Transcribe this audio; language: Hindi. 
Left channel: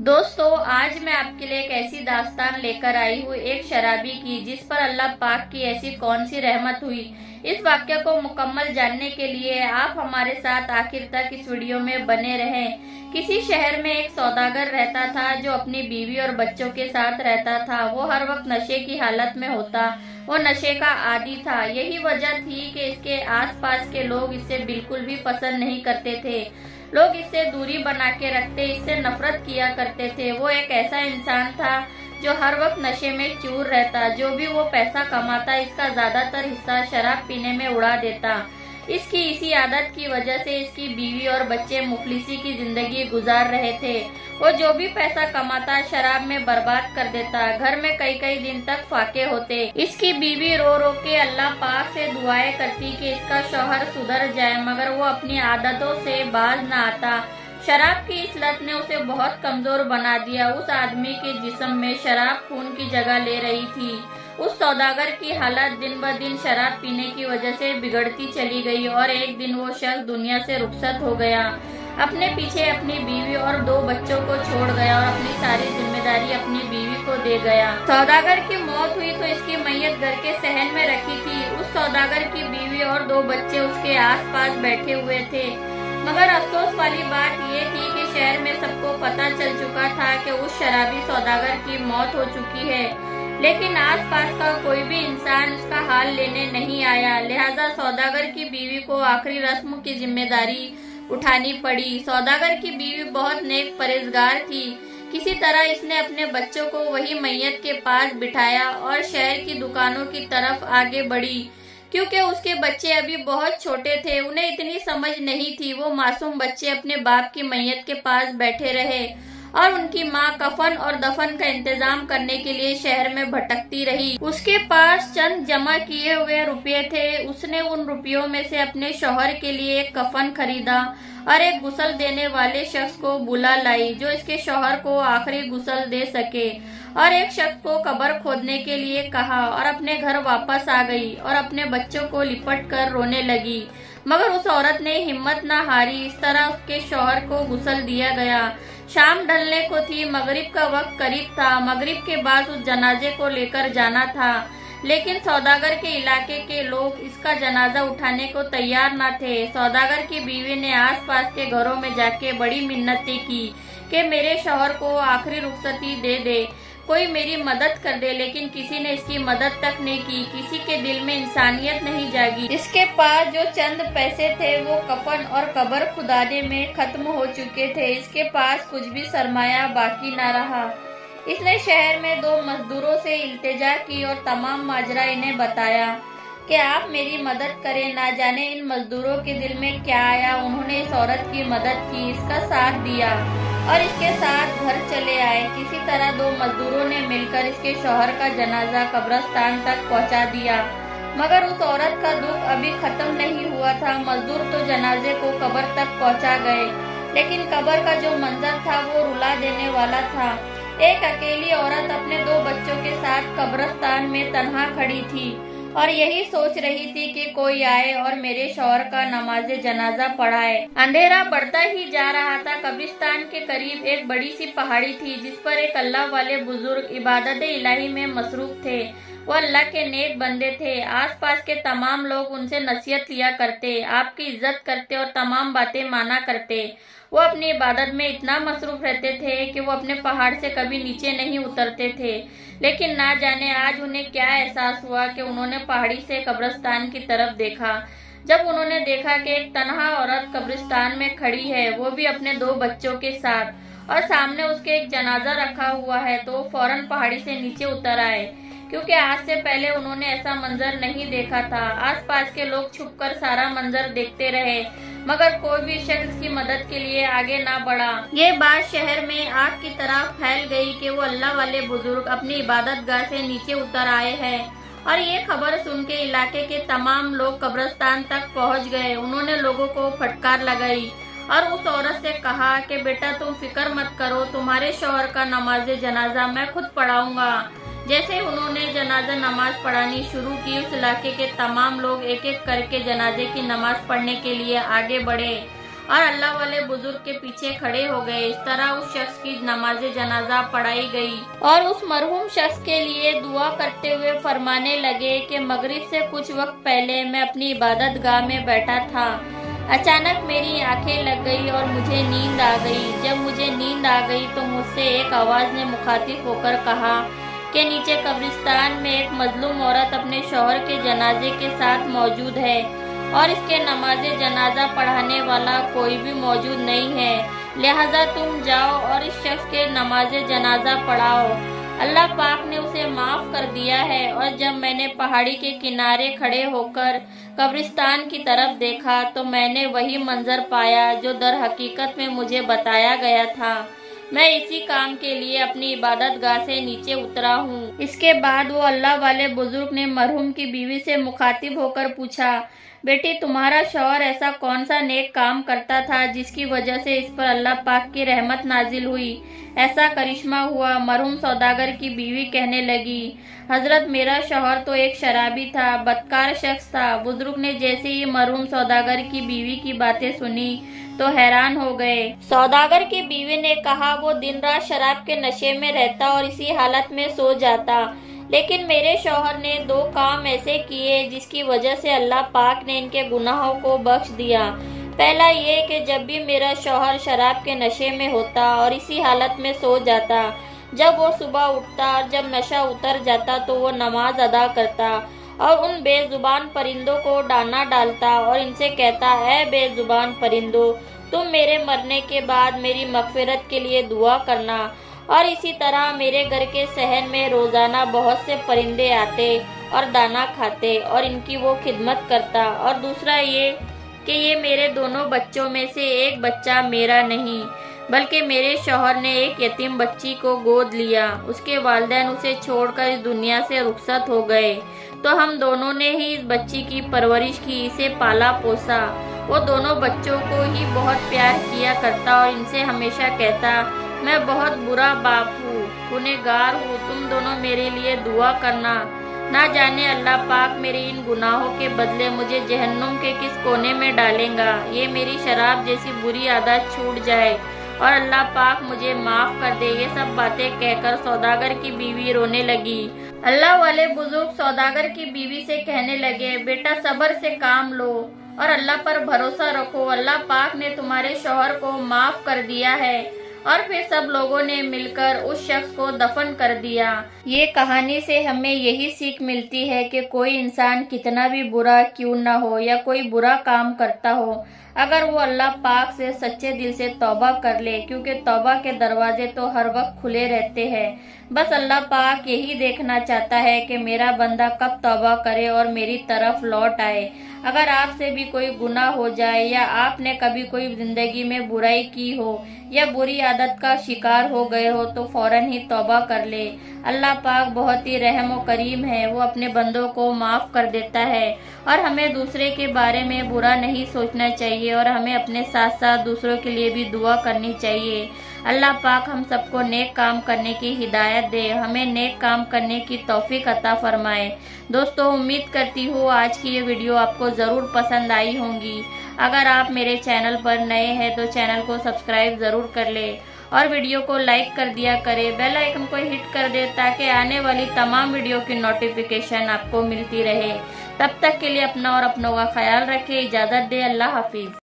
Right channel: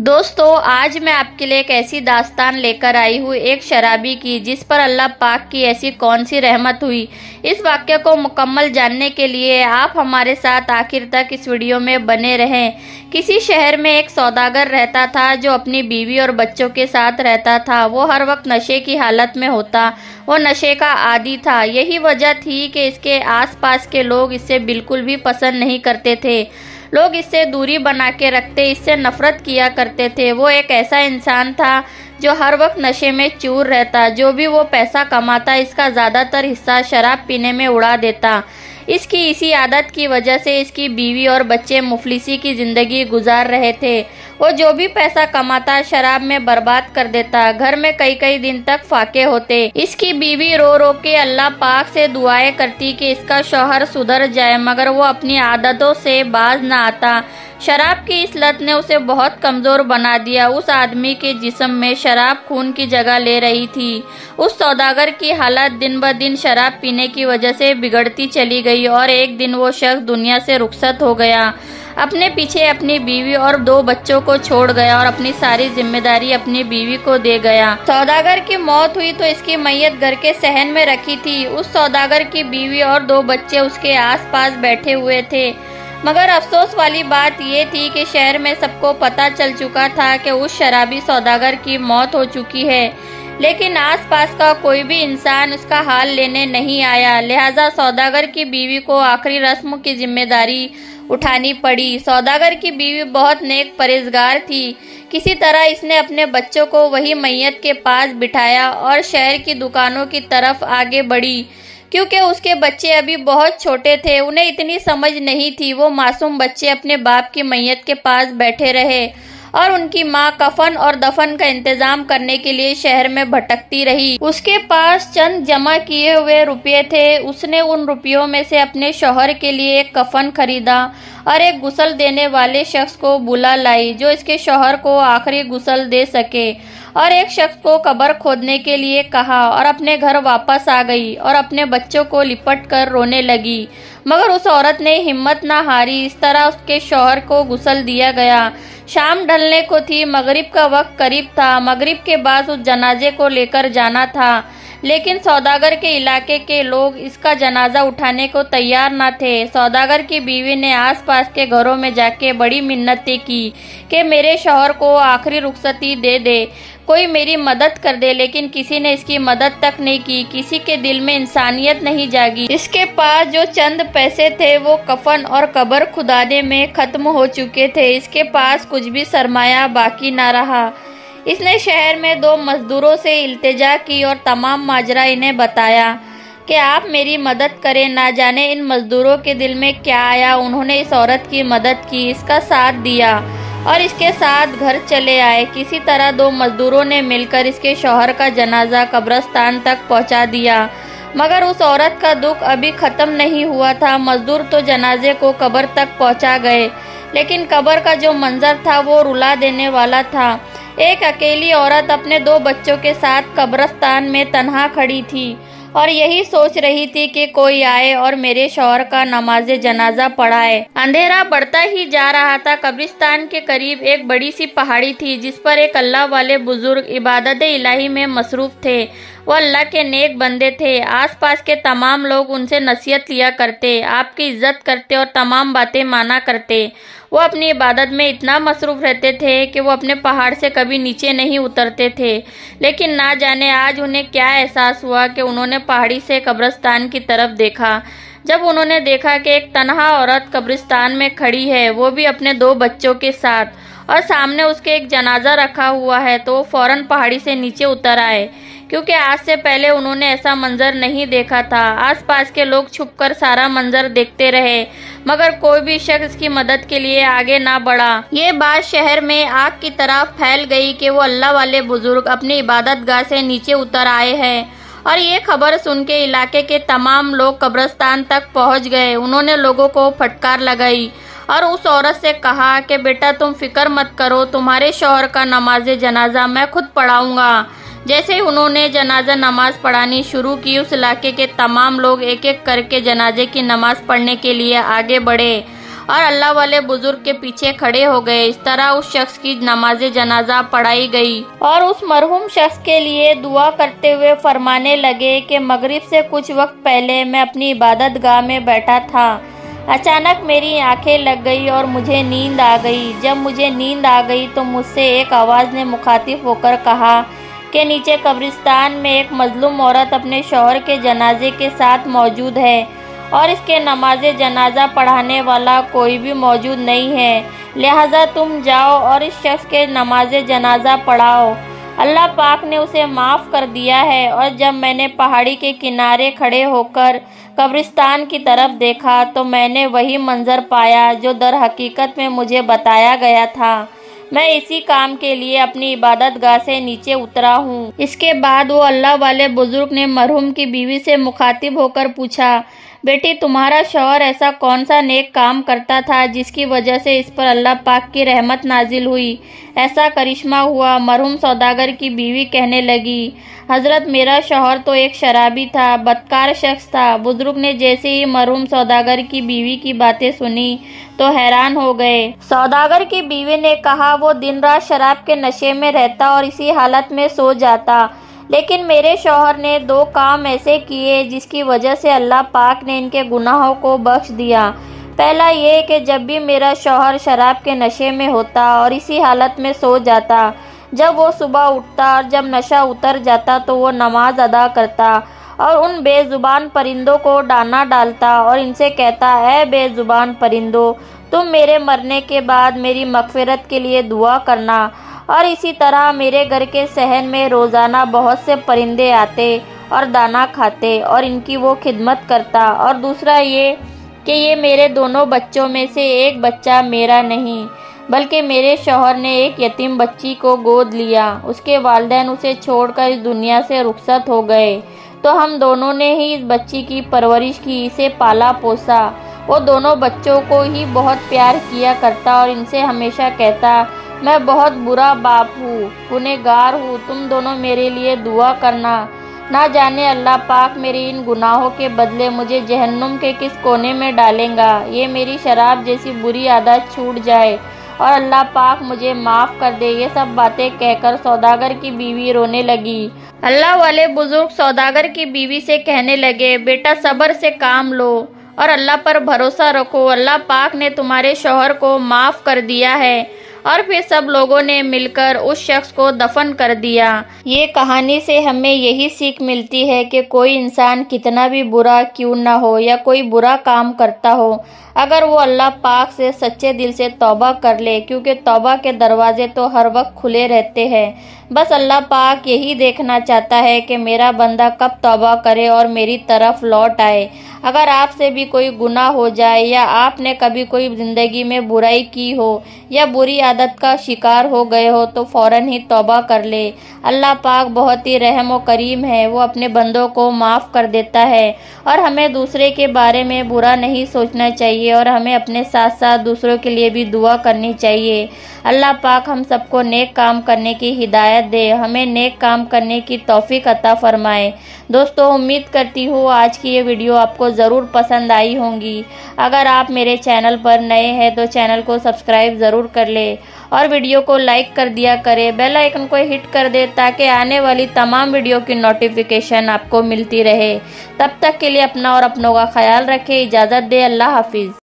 दोस्तों, आज मैं आपके लिए एक ऐसी दास्तान लेकर आई हूँ एक शराबी की, जिस पर अल्लाह पाक की ऐसी कौन सी रहमत हुई। इस वाक्य को मुकम्मल जानने के लिए आप हमारे साथ आखिर तक इस वीडियो में बने रहें। किसी शहर में एक सौदागर रहता था जो अपनी बीवी और बच्चों के साथ रहता था। वो हर वक्त नशे की हालत में होता। वो नशे का आदी था। यही वजह थी कि इसके आसपास के लोग इससे बिल्कुल भी पसंद नहीं करते थे। लोग इससे दूरी बना के रखते, इससे नफरत किया करते थे। वो एक ऐसा इंसान था जो हर वक्त नशे में चूर रहता। जो भी वो पैसा कमाता, इसका ज़्यादातर हिस्सा शराब पीने में उड़ा देता। इसकी इसी आदत की वजह से इसकी बीवी और बच्चे मुफलिसी की ज़िंदगी गुजार रहे थे। वो जो भी पैसा कमाता शराब में बर्बाद कर देता। घर में कई कई दिन तक फाके होते। इसकी बीवी रो रो के अल्लाह पाक से दुआएं करती कि इसका शौहर सुधर जाए, मगर वो अपनी आदतों से बाज न आता। शराब की इस लत ने उसे बहुत कमज़ोर बना दिया। उस आदमी के जिस्म में शराब खून की जगह ले रही थी। उस सौदागर की हालत दिन ब दिन शराब पीने की वजह से बिगड़ती चली गई और एक दिन वो शख्स दुनिया से रुखसत हो गया। अपने पीछे अपनी बीवी और 2 बच्चों को छोड़ गया और अपनी सारी जिम्मेदारी अपनी बीवी को दे गया। सौदागर की मौत हुई तो इसकी मैयत घर के सहन में रखी थी। उस सौदागर की बीवी और 2 बच्चे उसके आसपास बैठे हुए थे। मगर अफसोस वाली बात ये थी कि शहर में सबको पता चल चुका था कि उस शराबी सौदागर की मौत हो चुकी है, लेकिन आसपास का कोई भी इंसान उसका हाल लेने नहीं आया। लिहाजा सौदागर की बीवी को आखिरी रस्म की जिम्मेदारी उठानी पड़ी। सौदागर की बीवी बहुत नेक परहेजगार थी। किसी तरह इसने अपने बच्चों को वही मैयत के पास बिठाया और शहर की दुकानों की तरफ आगे बढ़ी। क्योंकि उसके बच्चे अभी बहुत छोटे थे, उन्हें इतनी समझ नहीं थी। वो मासूम बच्चे अपने बाप की मैयत के पास बैठे रहे और उनकी माँ कफन और दफन का इंतजाम करने के लिए शहर में भटकती रही। उसके पास चंद जमा किए हुए रुपये थे। उसने उन रुपयों में से अपने शौहर के लिए एक कफन खरीदा और एक गुस्ल देने वाले शख्स को बुला लाई जो इसके शौहर को आखिरी गुस्ल दे सके, और एक शख्स को कब्र खोदने के लिए कहा और अपने घर वापस आ गई और अपने बच्चों को लिपट कर रोने लगी। मगर उस औरत ने हिम्मत ना हारी। इस तरह उसके शौहर को गुस्ल दिया गया। शाम ढलने को थी। मगरिब का वक्त करीब था। मगरिब के बाद उस जनाजे को लेकर जाना था, लेकिन सौदागर के इलाके के लोग इसका जनाजा उठाने को तैयार न थे। सौदागर की बीवी ने आसपास के घरों में जाके बड़ी मिन्नतें की कि मेरे शौहर को आखिरी रुखसती दे दे, कोई मेरी मदद कर दे, लेकिन किसी ने इसकी मदद तक नहीं की। किसी के दिल में इंसानियत नहीं जागी। इसके पास जो चंद पैसे थे वो कफन और कब्र खुदाने में खत्म हो चुके थे। इसके पास कुछ भी सरमाया बाकी ना रहा। इसने शहर में 2 मजदूरों से इल्तिजा की और तमाम माजरा इन्हें बताया कि आप मेरी मदद करें। ना जाने इन मजदूरों के दिल में क्या आया। उन्होंने इस औरत की मदद की, इसका साथ दिया और इसके साथ घर चले आए। किसी तरह 2 मजदूरों ने मिलकर इसके शौहर का जनाजा कब्रिस्तान तक पहुंचा दिया। मगर उस औरत का दुख अभी खत्म नहीं हुआ था। मजदूर तो जनाजे को कब्र तक पहुंचा गए, लेकिन कब्र का जो मंजर था वो रुला देने वाला था। एक अकेली औरत अपने 2 बच्चों के साथ कब्रिस्तान में तन्हा खड़ी थी और यही सोच रही थी कि कोई आए और मेरे शौहर का नमाज जनाजा पढ़ाए। अंधेरा बढ़ता ही जा रहा था। कब्रिस्तान के करीब एक बड़ी सी पहाड़ी थी जिस पर एक अल्लाह वाले बुजुर्ग इबादत इलाही में मसरूफ थे। वो अल्लाह के नेक बंदे थे। आसपास के तमाम लोग उनसे नसीहत लिया करते, आपकी इज्जत करते और तमाम बातें माना करते। वो अपनी इबादत में इतना मसरूफ रहते थे कि वो अपने पहाड़ से कभी नीचे नहीं उतरते थे। लेकिन ना जाने आज उन्हें क्या एहसास हुआ कि उन्होंने पहाड़ी से कब्रिस्तान की तरफ देखा। जब उन्होंने देखा कि एक तन्हा औरत कब्रिस्तान में खड़ी है, वो भी अपने 2 बच्चों के साथ, और सामने उसके एक जनाजा रखा हुआ है, तो वो फौरन पहाड़ी से नीचे उतर आए, क्योंकि आज से पहले उन्होंने ऐसा मंजर नहीं देखा था। आसपास के लोग छुपकर सारा मंजर देखते रहे, मगर कोई भी शख्स की मदद के लिए आगे ना बढ़ा। ये बात शहर में आग की तरह फैल गई कि वो अल्लाह वाले बुजुर्ग अपनी इबादत गाह से नीचे उतर आए हैं, और ये खबर सुन के इलाके के तमाम लोग कब्रिस्तान तक पहुंच गए। उन्होंने लोगों को फटकार लगाई और उस औरत से कहा कि बेटा तुम फिक्र मत करो, तुम्हारे शौहर का नमाज जनाजा मैं खुद पढ़ाऊंगा। जैसे ही उन्होंने जनाजा नमाज पढ़ानी शुरू की, उस इलाके के तमाम लोग एक एक करके जनाजे की नमाज पढ़ने के लिए आगे बढ़े और अल्लाह वाले बुजुर्ग के पीछे खड़े हो गए। इस तरह उस शख्स की नमाज जनाजा पढ़ाई गई और उस मरहूम शख्स के लिए दुआ करते हुए फरमाने लगे कि मगरिब से कुछ वक्त पहले मैं अपनी इबादत गाह में बैठा था। अचानक मेरी आंखें लग गई और मुझे नींद आ गई। जब मुझे नींद आ गई तो मुझसे एक आवाज़ ने मुखातिब होकर कहा कि नीचे कब्रिस्तान में एक मजलूम औरत अपने शौहर के जनाजे के साथ मौजूद है और इसके नमाज जनाजा पढ़ाने वाला कोई भी मौजूद नहीं है, लिहाजा तुम जाओ और इस शख्स के नमाज जनाजा पढ़ाओ। अल्लाह पाक ने उसे माफ़ कर दिया है। और जब मैंने पहाड़ी के किनारे खड़े होकर कब्रिस्तान की तरफ देखा तो मैंने वही मंजर पाया जो दर हकीकत में मुझे बताया गया था। मैं इसी काम के लिए अपनी इबादत गाह से नीचे उतरा हूँ। इसके बाद वो अल्लाह वाले बुजुर्ग ने मरहूम की बीवी से मुखातिब होकर पूछा, बेटी तुम्हारा शौहर ऐसा कौन सा नेक काम करता था जिसकी वजह से इस पर अल्लाह पाक की रहमत नाजिल हुई, ऐसा करिश्मा हुआ? मरहूम सौदागर की बीवी कहने लगी, हजरत मेरा शौहर तो एक शराबी था, बदकार शख्स था। बुजुर्ग ने जैसे ही मरहूम सौदागर की बीवी की बातें सुनी तो हैरान हो गए। सौदागर की बीवी ने कहा, वो दिन रात शराब के नशे में रहता और इसी हालत में सो जाता, लेकिन मेरे शौहर ने 2 काम ऐसे किए जिसकी वजह से अल्लाह पाक ने इनके गुनाहों को बख्श दिया। पहला ये कि जब भी मेरा शौहर शराब के नशे में होता और इसी हालत में सो जाता, जब वो सुबह उठता और जब नशा उतर जाता तो वो नमाज अदा करता और उन बेजुबान परिंदों को दाना डालता और इनसे कहता, ऐ बेजुबान परिंदों, तुम मेरे मरने के बाद मेरी मगफिरत के लिए दुआ करना। और इसी तरह मेरे घर के सहन में रोज़ाना बहुत से परिंदे आते और दाना खाते और इनकी वो खिदमत करता। और दूसरा ये कि ये मेरे दोनों बच्चों में से एक बच्चा मेरा नहीं बल्कि मेरे शौहर ने एक यतीम बच्ची को गोद लिया। उसके वालिदैन उसे छोड़कर इस दुनिया से रुखसत हो गए तो हम दोनों ने ही इस बच्ची की परवरिश की, इसे पाला पोसा। वो दोनों बच्चों को ही बहुत प्यार किया करता और इनसे हमेशा कहता, मैं बहुत बुरा बाप हूँ, गुनहगार हूँ, तुम दोनों मेरे लिए दुआ करना। ना जाने अल्लाह पाक मेरे इन गुनाहों के बदले मुझे जहन्नुम के किस कोने में डालेगा। ये मेरी शराब जैसी बुरी आदत छूट जाए और अल्लाह पाक मुझे माफ़ कर दे। ये सब बातें कहकर सौदागर की बीवी रोने लगी। अल्लाह वाले बुजुर्ग सौदागर की बीवी से कहने लगे, बेटा सब्र से काम लो और अल्लाह पर भरोसा रखो, अल्लाह पाक ने तुम्हारे शौहर को माफ़ कर दिया है। और फिर सब लोगों ने मिलकर उस शख्स को दफन कर दिया। ये कहानी से हमें यही सीख मिलती है कि कोई इंसान कितना भी बुरा क्यों ना हो या कोई बुरा काम करता हो, अगर वो अल्लाह पाक से सच्चे दिल से तौबा कर ले, क्योंकि तौबा के दरवाजे तो हर वक्त खुले रहते हैं। बस अल्लाह पाक यही देखना चाहता है कि मेरा बंदा कब तौबा करे और मेरी तरफ लौट आए। अगर आपसे भी कोई गुनाह हो जाए या आपने कभी कोई ज़िंदगी में बुराई की हो या बुरी आदत का शिकार हो गए हो तो फ़ौरन ही तौबा कर ले। अल्लाह पाक बहुत ही रहम और करीम है, वो अपने बंदों को माफ़ कर देता है। और हमें दूसरे के बारे में बुरा नहीं सोचना चाहिए और हमें अपने साथ साथ दूसरों के लिए भी दुआ करनी चाहिए। अल्लाह पाक हम सबको नेक काम करने की हिदायत दे, हमें नेक काम करने की तौफीक अता फरमाए। दोस्तों, उम्मीद करती हूँ आज की ये वीडियो आपको ज़रूर पसंद आई होंगी। अगर आप मेरे चैनल पर नए हैं तो चैनल को सब्सक्राइब ज़रूर कर ले और वीडियो को लाइक कर दिया करें, बेल आइकन को हिट कर दे ताकि आने वाली तमाम वीडियो की नोटिफिकेशन आपको मिलती रहे। तब तक के लिए अपना और अपनों का ख्याल रखें। इजाज़त दे। अल्लाह हाफिज़।